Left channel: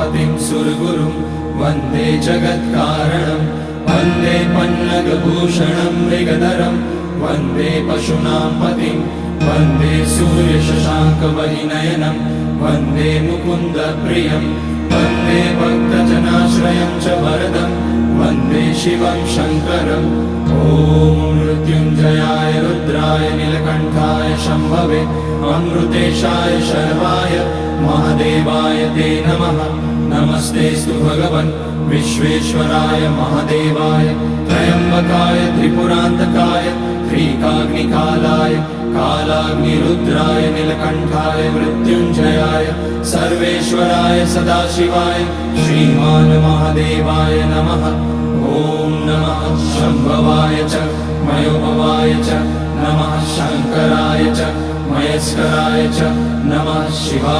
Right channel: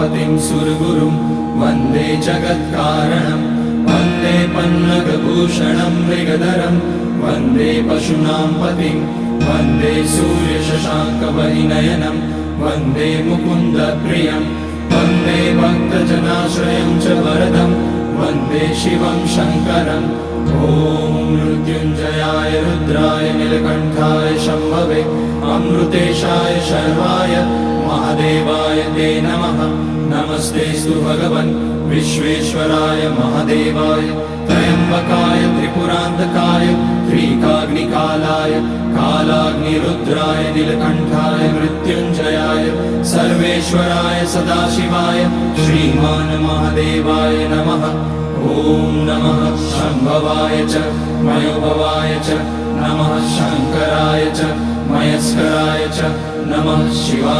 उमापतिं सुरगुरुं वन्दे जगत्कारणं वन्दे पन्नगभूषणं मृगधरं वन्दे पशूनां पतिं वन्दे सूर्यशशाङ्कवलिनयनं वन्दे मुकुन्दप्रियं वन्दे भक्तजनाश्रयं च वरदं वन्दे शिवं शङ्करम् ॐ मृत्युञ्जयाय रुद्राय नीलकण्ठाय शम्भवे अमृतेशाय शर्वाय महादेवाय ते नमः। नमस्तेस्तु भगवन् विश्वेश्वराय महादेवाय त्र्यम्बकाय त्रिपुरान्तकाय त्रिकाग्निकालाय कालाग्निरुद्राय नीलकण्ठाय मृत्युञ्जयाय सर्वेश्वराय सदाशिवाय श्रीमान् महादेवाय नमः। ॐ नमः शम्भवाय च मयोभवाय च नमः शङ्कराय च मयस्कराय च नमः शिवाय।